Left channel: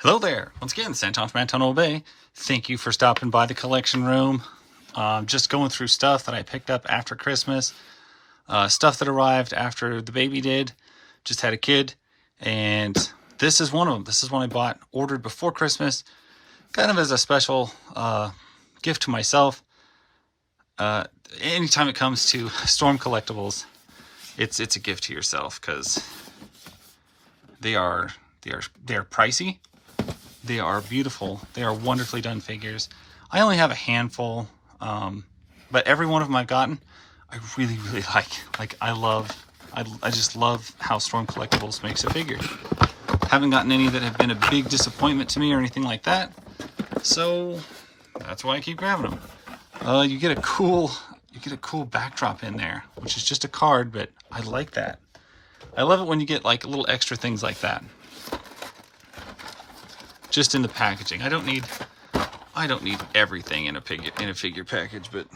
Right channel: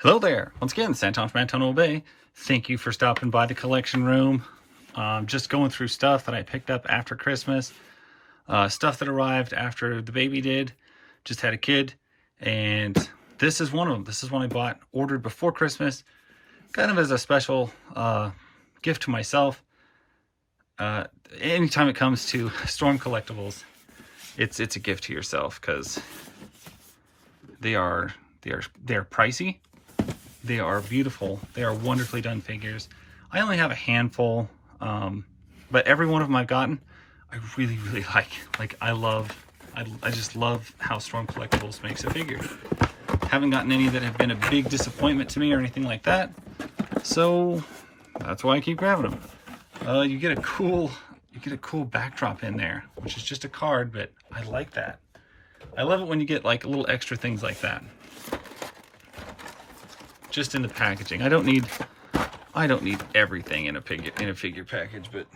Hello there. Once again, Santon from Antonio Bay. Thank you for stopping by the collection room. Just going through stuff that I picked up after Christmas. Stuff that arrived after the baby did. Just had a kid. And this is one of them. This is one I ordered before Christmas. Kind of as a special gift to myself. Anytime it comes to Storm Collectables, it's a gift to yourself because they are pricey. They are beautiful. They are wonderfully done figures. I only have a handful, but every one of them I've gotten, I really like. I just love how Storm Collectables makes a figure. Haven't gotten any that have been a big disappointment to me or anything like that. So that's why I keep grabbing them. You get a cool backdrop in there, which is just a card, but I like that. I love it when you get like little extra things like that. Just in the packaging. I don't need everything in a figure package, but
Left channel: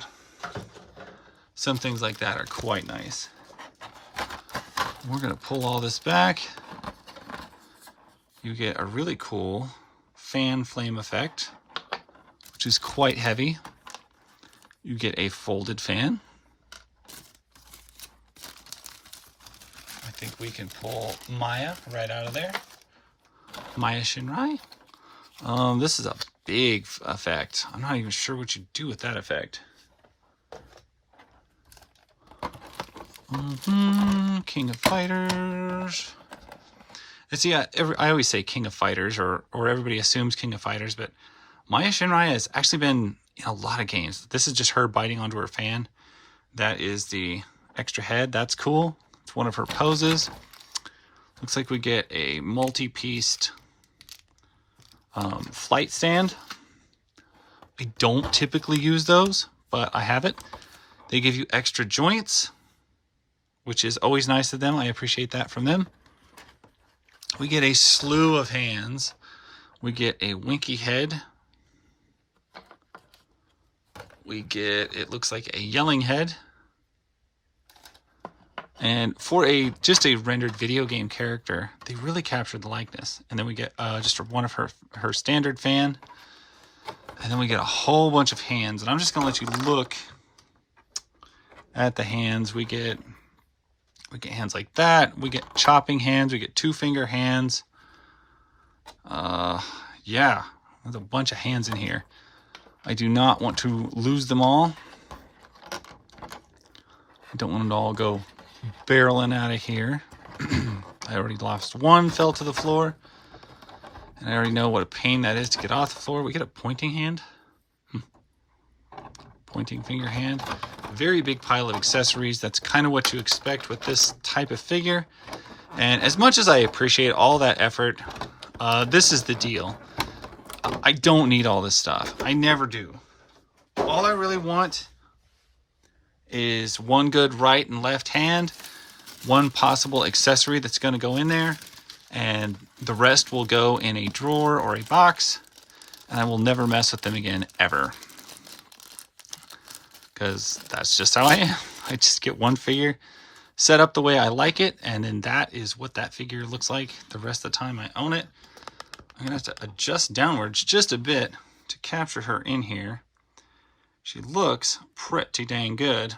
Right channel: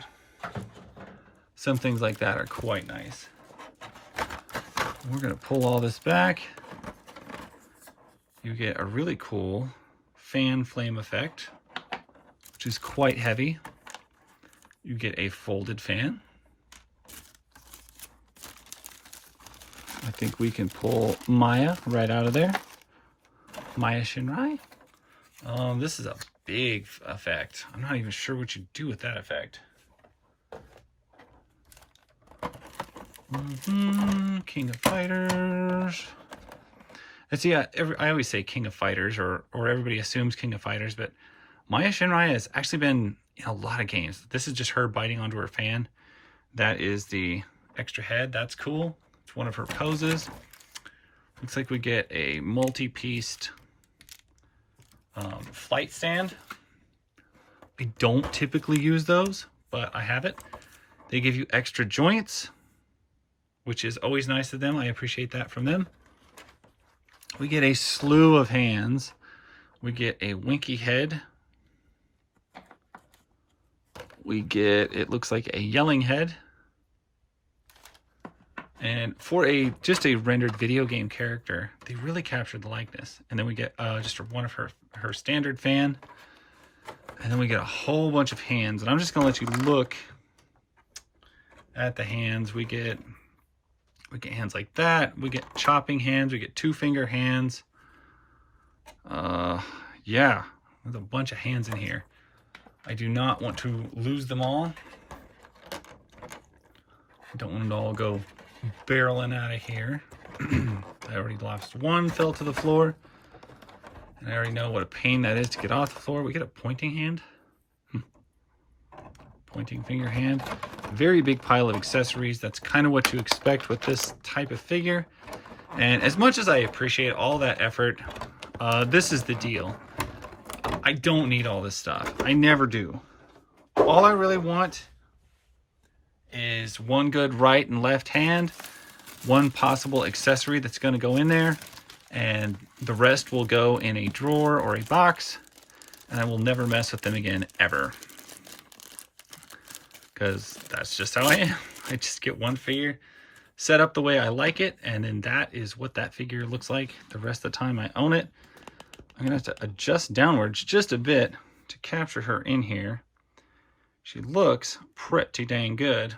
some things like that are quite nice. We're gonna pull all this back. You get a really cool fan flame effect, which is quite heavy. You get a folded fan. I think we can pull Maya right out of there. Maya Shiranui. This is a big effect. I'm not even sure what you do with that effect. King of Fighters. And see, I always say King of Fighters, or everybody assumes King of Fighters, but Maya Shiranui has actually been in a lot of games. This is just her biting onto her fan. That is the extra head. That's cool. It's one of her poses. Looks like we get a multi-pieced flight stand. I don't typically use those, but I have it. They give you extra joints, which is always nice of them. I appreciate that from them. We get a slew of hands. We get a winky head. We get, it looks like a yelling head. And for just a rendered video game character, they really captured the likeness. And then we get just one of her standard fan. And then we get a whole bunch of hands. And I'm just gonna let you look at the hands. We get hands like that. We get chopping hands. We get 2-finger hands. Yeah, there's a bunch of hands in here. I do not want to lose them all. I don't want them to all go barreling out of here. I already lost one, fell to the floor. And I already know what a pain that is to get off the floor. We get a pointing hand. Pointing finger hand. Very big pile of accessories. That's kind of what you expect with this type of figure. And as much as I appreciate all that effort, this is the deal. I don't need all this stuff. I never do. All I really want is one good right and left hand, one possible accessory that's going to go in there, and the rest will go in a drawer or a box, and I will never mess with them again, ever. Because that's just how I am. I just get one figure set up the way I like it, and then that is what that figure looks like the rest of the time I own it. I'm going to have to adjust downwards just a bit to capture her in here. She looks pretty dang good.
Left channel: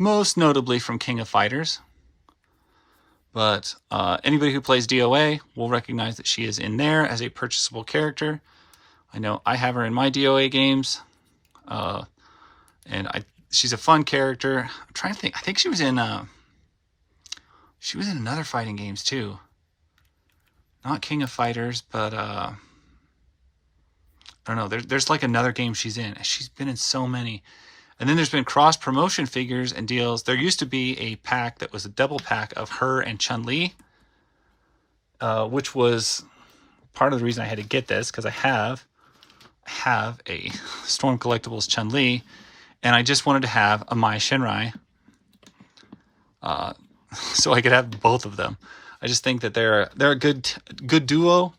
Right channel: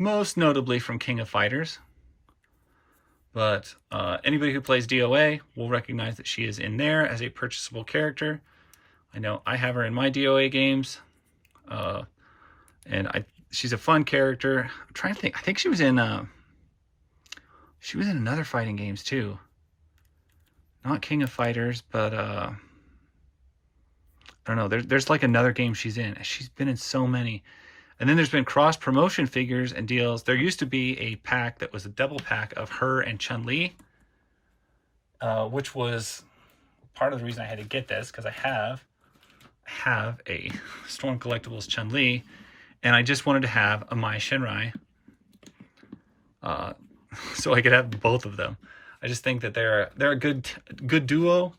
Most notably from King of Fighters. But anybody who plays DOA will recognize that she is in there as a purchasable character. I know I have her in my DOA games. And she's a fun character. I'm trying to think. I think she was in another fighting games too. Not King of Fighters, but I don't know. There's like another game she's in. She's been in so many. And then there's been cross-promotion figures and deals. There used to be a pack that was a double pack of her and Chun-Li, which was part of the reason I had to get this, because I have a Storm Collectables Chun-Li, and I just wanted to have a Mai Shiranui, so I could have both of them. I just think that they're a good duo.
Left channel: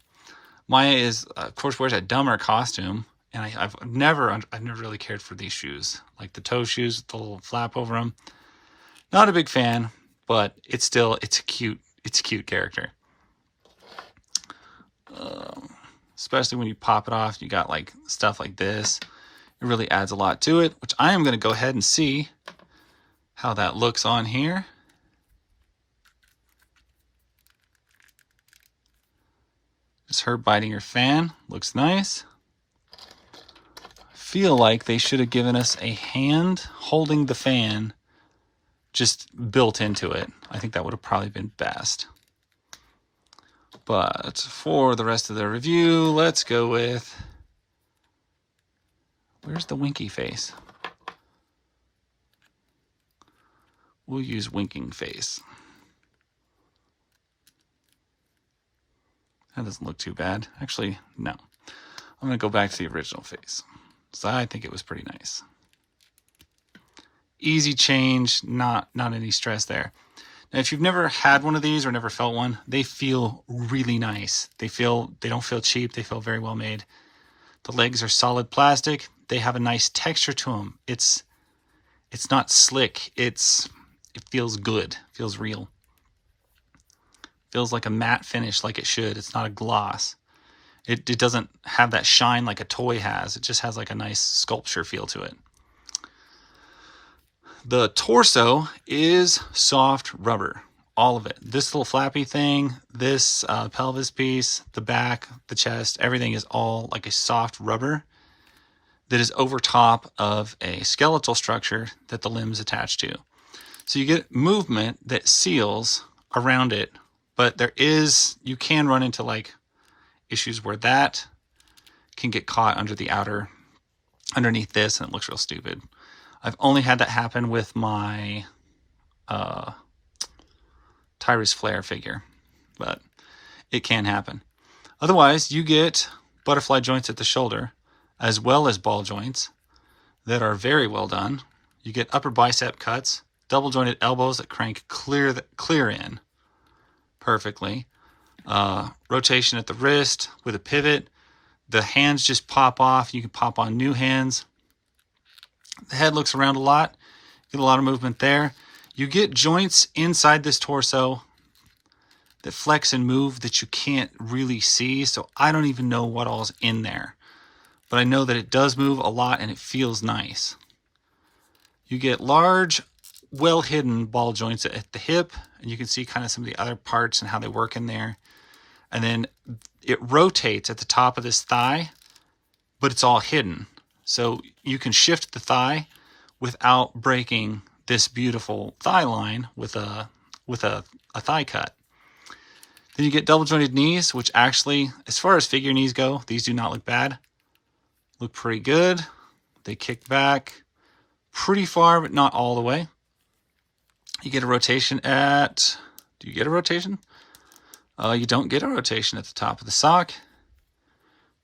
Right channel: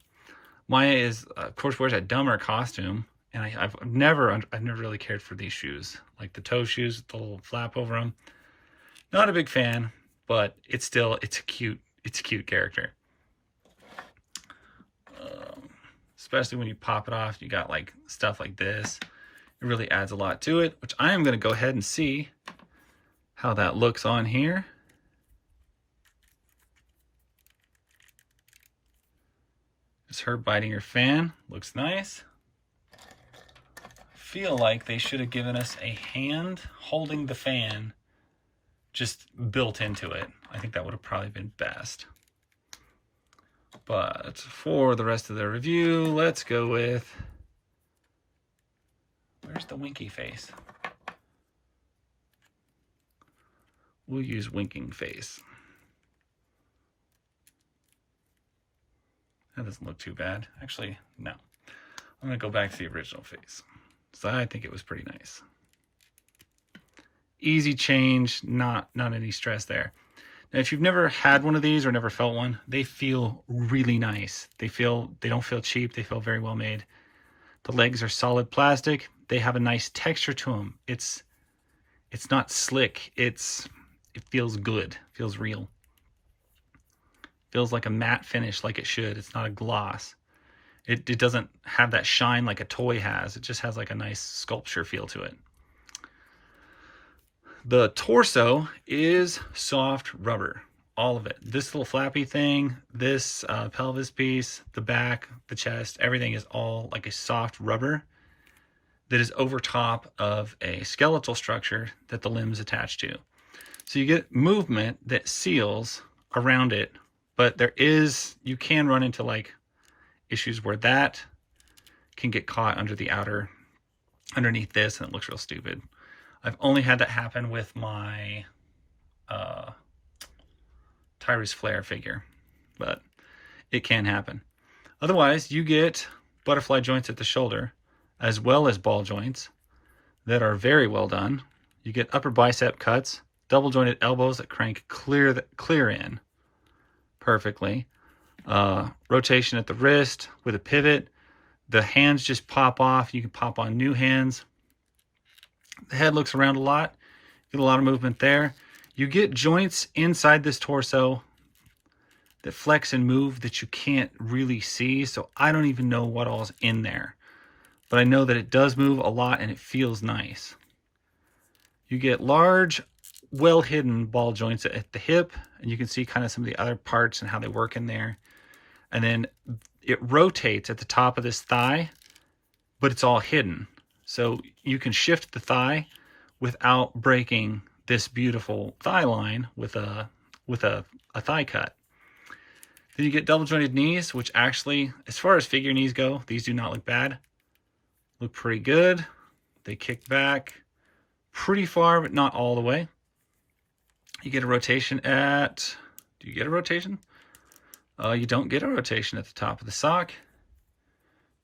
Maya is, of course, wears a dumber costume, and I've never really cared for these shoes, like the toe shoes with the little flap over them. Not a big fan, but it's a cute it's a cute character. Especially when you pop it off, you got like stuff like this. It really adds a lot to it, which I am going to go ahead and see how that looks on here. Just her biting her fan. Looks nice. Feel like they should have given us a hand holding the fan just built into it. I think that would have probably been best. But for the rest of the review, let's go with... Where's the winky face? We'll use winking face. That doesn't look too bad. Actually, no. I'm going to go back to the original face. So I think it was pretty nice. Easy change, not any stress there. Now, if you've never had one of these or never felt one, they feel really nice. They don't feel cheap. They feel very well made. The legs are solid plastic. They have a nice texture to them. It's not slick. It feels good. It feels real. Feels like a matte finish, like it should. It's not a gloss. It doesn't have that shine like a toy has. It just has like a nice sculpture feel to it. The torso is soft rubber, all of it. This little flappy thing, this pelvis piece, the back, the chest, everything is all like a soft rubber that is over top of a skeletal structure that the limbs attach to. So you get movement that seals around it, but you can run into like issues where that can get caught underneath this, and it looks real stupid. I've only had that happen with my Tyrus Flare figure, but it can happen. Otherwise, you get butterfly joints at the shoulder, as well as ball joints that are very well done. You get upper bicep cuts, double jointed elbows that crank clear in perfectly. Rotation at the wrist with a pivot. The hands just pop off. You can pop on new hands. The head looks around a lot. Get a lot of movement there. You get joints inside this torso that flex and move that you can't really see. So I don't even know what all's in there. But I know that it does move a lot and it feels nice. You get large, well-hidden ball joints at the hip. And you can see kind of some of the other parts and how they work in there. And then it rotates at the top of this thigh, but it's all hidden. So you can shift the thigh without breaking this beautiful thigh line with a thigh cut. Then you get double jointed knees, which actually, as far as figure knees go, these do not look bad. Look pretty good. They kick back pretty far, but not all the way. You get a rotation at... Do you get a rotation? You don't get a rotation at the top of the sock.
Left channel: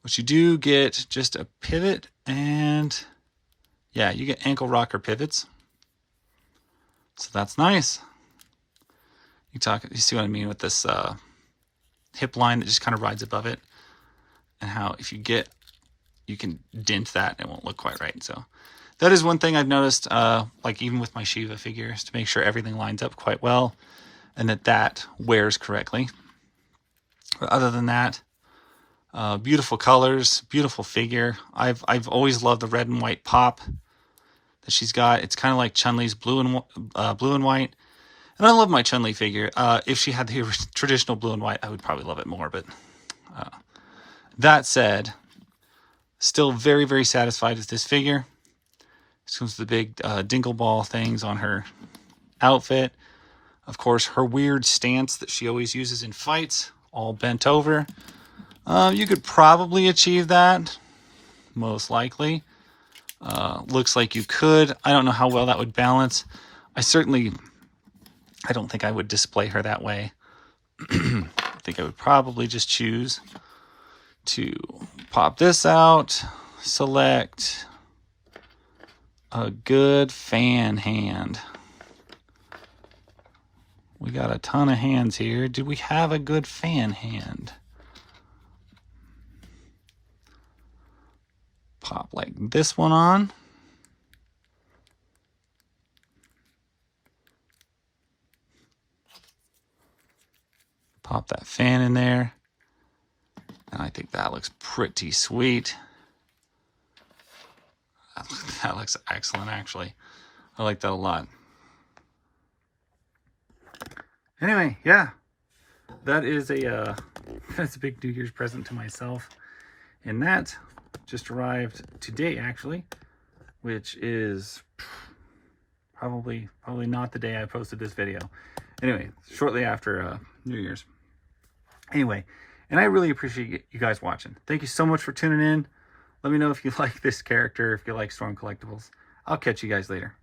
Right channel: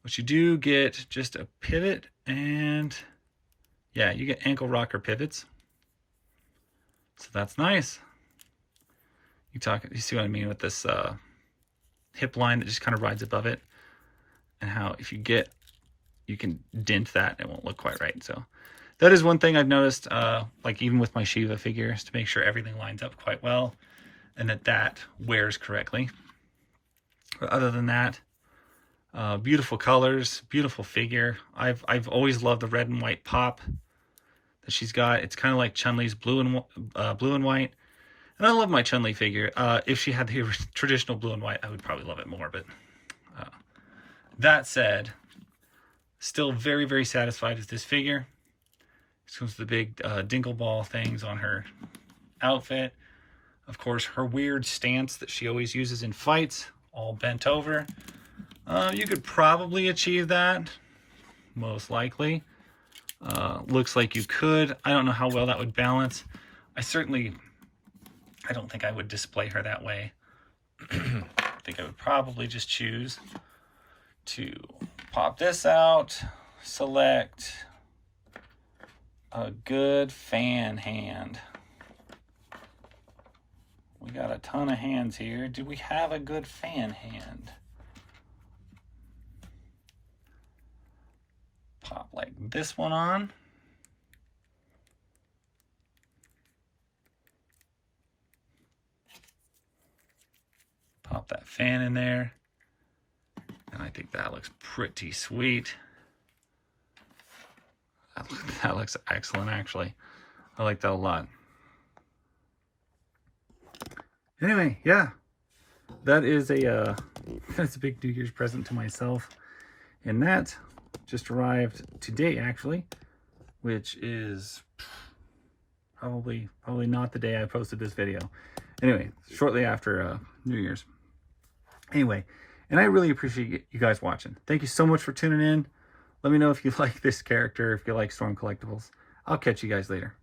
But you do get just a pivot, and yeah, you get ankle rocker pivots. So that's nice. You see what I mean with this hip line that just kind of rides above it, and how if you can dent that, it won't look quite right. So that is one thing I've noticed, like even with my Shiva figures, to make sure everything lines up quite well and that wears correctly. But other than that, beautiful colors, beautiful figure. I've always loved the red and white pop that she's got. It's kind of like Chun-Li's blue and white. And I love my Chun-Li figure. If she had the traditional blue and white, I would probably love it more. But that said, still very, very satisfied with this figure. This comes with the big dingle ball things on her outfit. Of course, her weird stance that she always uses in fights, all bent over. You could probably achieve that, most likely. Looks like you could. I don't know how well that would balance. I don't think I would display her that way. I think I would probably just choose to pop this out, select a good fan hand. We got a ton of hands here. Do we have a good fan hand? Pop like this one on. Pop that fan in there. And I think that looks pretty sweet. That looks excellent, actually. I like that a lot. Anyway, yeah. That is that's a big New Year's present to myself. And that just arrived today, actually, which is probably not the day I posted this video. Anyway, shortly after New Year's. Anyway, and I really appreciate you guys watching. Thank you so much for tuning in. Let me know if you like this character, if you like Storm Collectibles. I'll catch you guys later.